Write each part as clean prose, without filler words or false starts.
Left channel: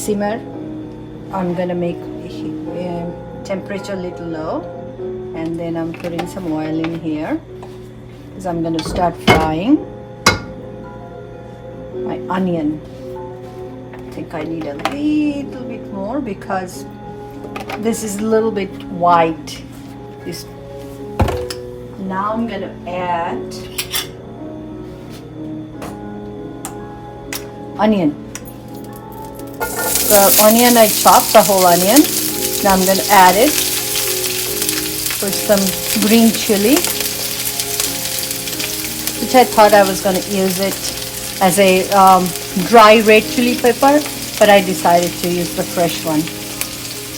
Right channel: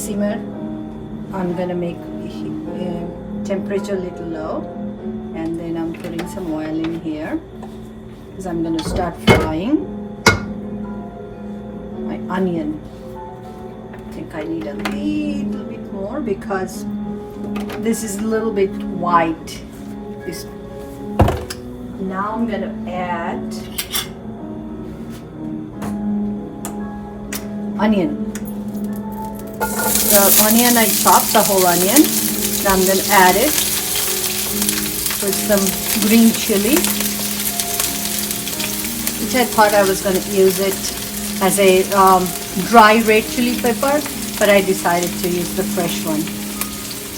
simmer. I'm gonna make temperature little low, and then I'm putting some oil in here because I'm gonna start frying my onion. I think I need a little bit more because this is a little bit white. Now I'm gonna add onion. The onion, I chopped the whole onion. Now I'm gonna add it with some green chili, which I thought I was gonna use it as a dry red chili pepper, but I decided to use the fresh one.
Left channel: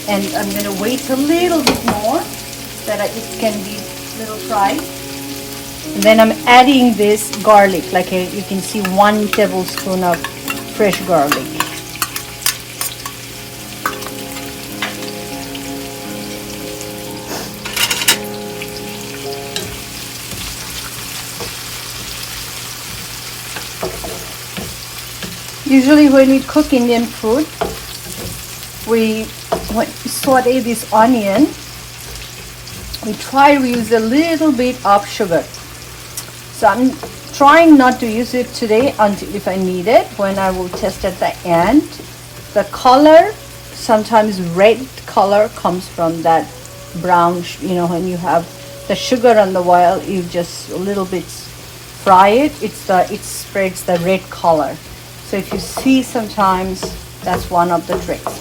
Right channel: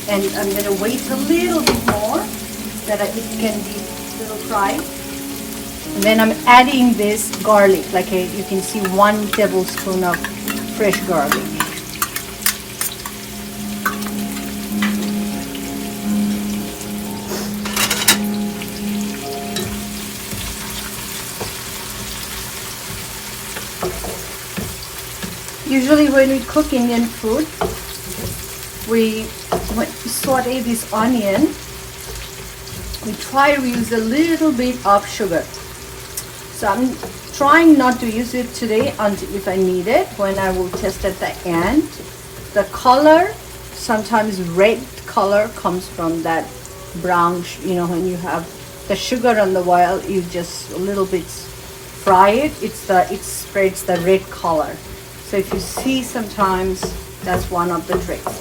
And I'm gonna wait a little bit more that it can be a little fried. And then I'm adding this garlic, you can see 1 tablespoon of fresh garlic. Usually when we cook Indian food, we saute this onion, we try to use a little bit of sugar. So I'm trying not to use it today until if I need it, when I will test at the end. The color, sometimes red color comes from that brown, when you have the sugar on the oil, you just a little bit fry it, it spreads the red color. So if you see sometimes, that's one of the tricks.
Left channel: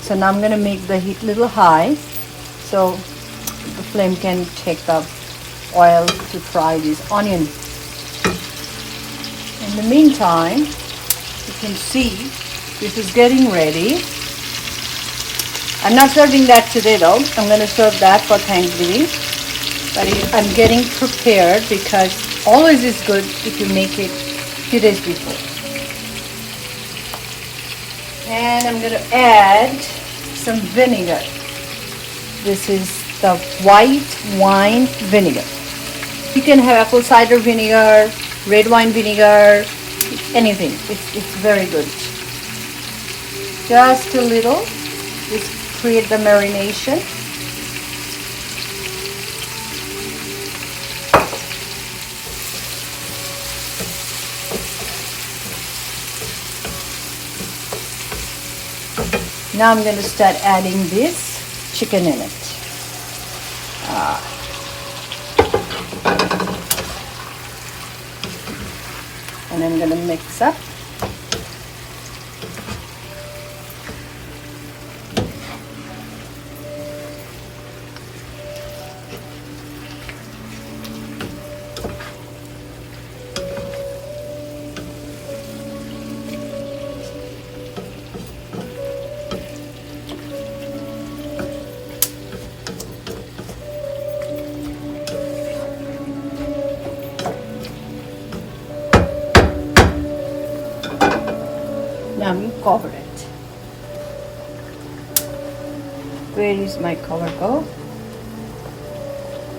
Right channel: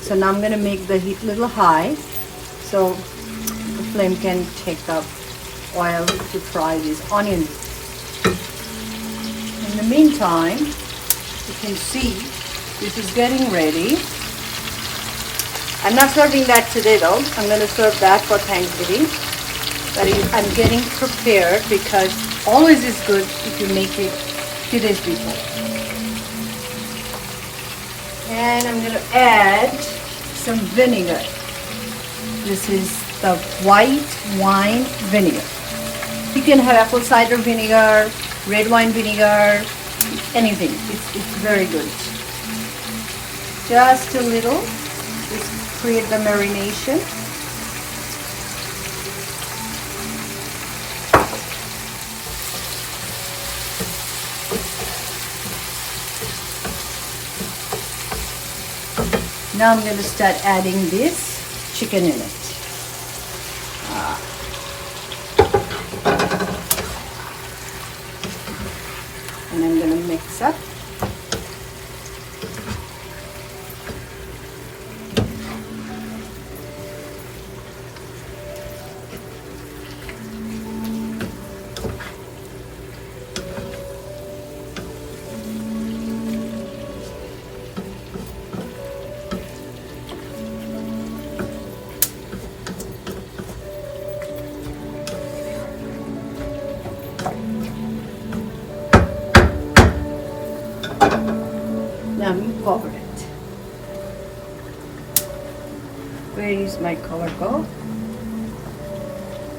So now I'm going to make the heat a little high so the flame can take the oil to fry this onion. In the meantime, you can see this is getting ready. I'm not serving that today though. I'm going to serve that for Thanksgiving. But I'm getting prepared because always is good if you make it 2 days before. And I'm going to add some vinegar. This is the white wine vinegar. You can have apple cider vinegar, red wine vinegar, anything. It's very good. Just a little. Just create the marination. Now I'm going to start adding this chicken in it. And I'm going to mix up. Cover it. Where is my cover go?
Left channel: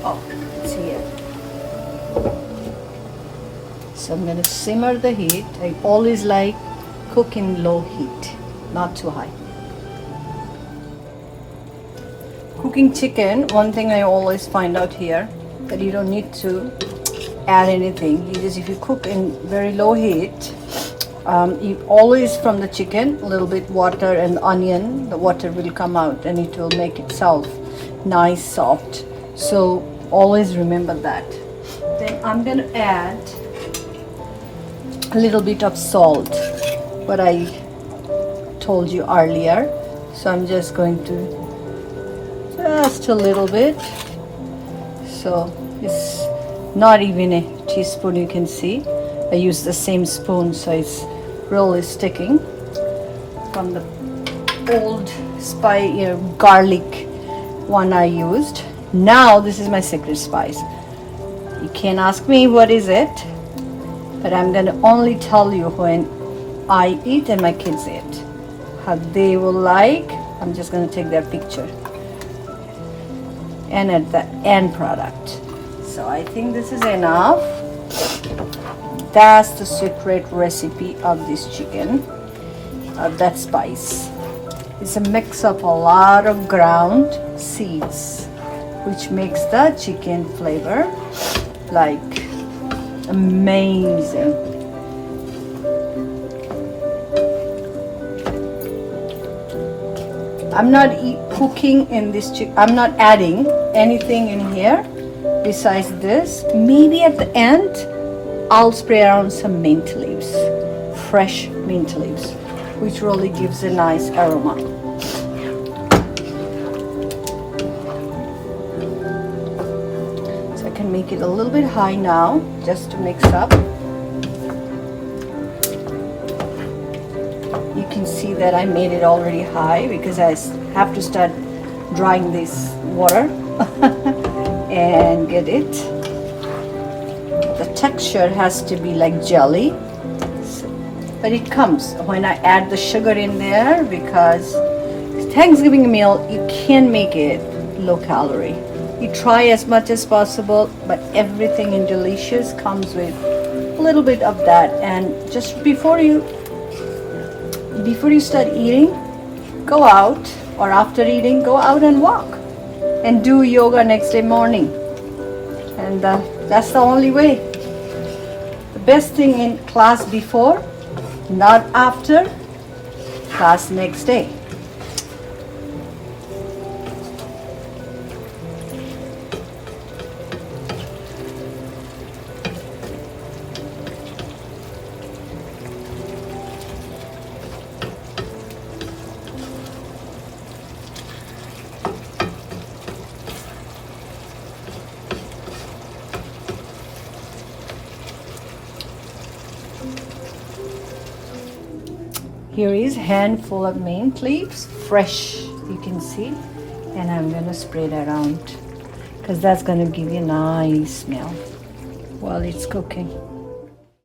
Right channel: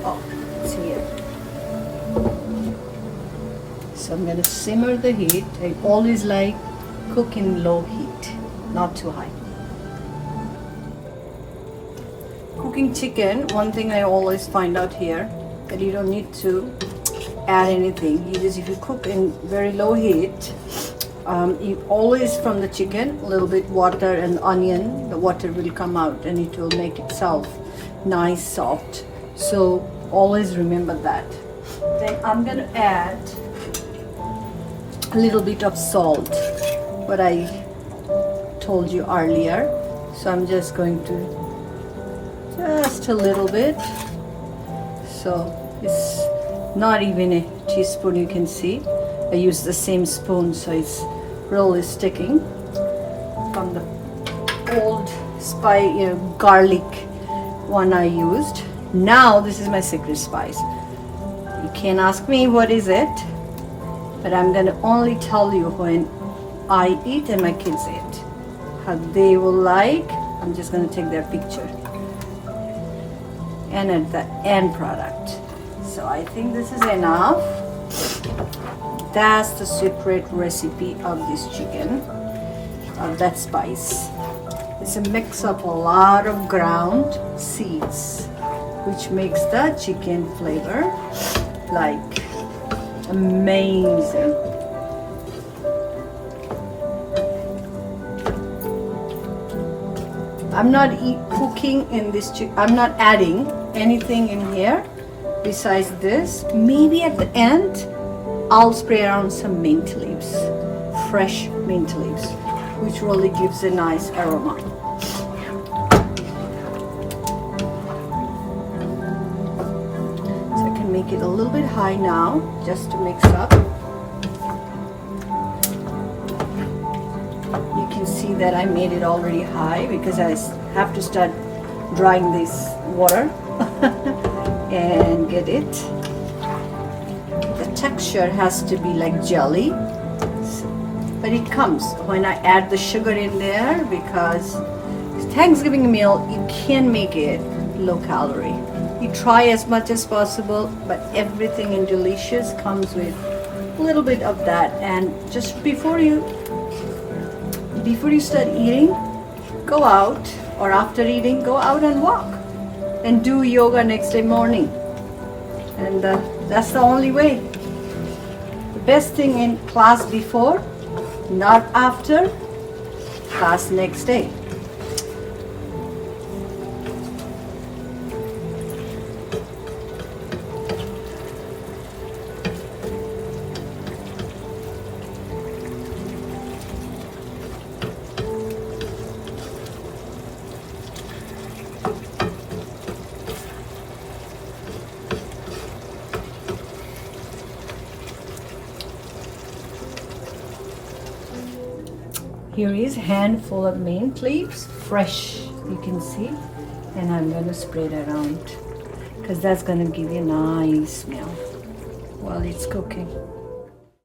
Oh, it's here. So I'm going to simmer the heat. I always like cook in low heat, not too high. Cooking chicken, one thing I always find out here, that you don't need to add anything. If you cook in very low heat, you always from the chicken a little bit water and onion, the water will come out and it will make itself nice soft. So always remember that. Then I'm going to add a little bit of salt, what I told you earlier. So I'm just going to just a little bit. So it's not even a teaspoon, you can see. I use the same spoon, so it's really sticking from the old garlic one I used. Now this is my secret spice. You can't ask me what is it, but I'm going to only tell you when I eat and my kids eat. How they will like. I'm just going to take their picture. And at the end product. So I think this is enough. That's the secret recipe of this chicken, that spice. It's a mix of a lot of ground seeds, which makes the chicken flavor like amazing. I'm not cooking in this chicken. I'm not adding anything in here besides this. Maybe at the end I'll spray around some mint leaves, fresh mint leaves, which really gives a nice aroma. So I can make it a little bit high now just to mix up. You can see that I made it already high because I have to start drying this water and get it. The texture has to be like jelly, but it comes when I add the sugar in there, because Thanksgiving meal, you can make it low calorie. You try as much as possible, but everything in delicious comes with a little bit of that. And just before you start eating, go out, or after eating, go out and walk and do yoga next day morning. And that's the only way. The best thing in class before, not after, class next day. Here is handful of mint leaves, fresh, you can see, and I'm gonna spread it around because that's gonna give you a nice smell while it's cooking.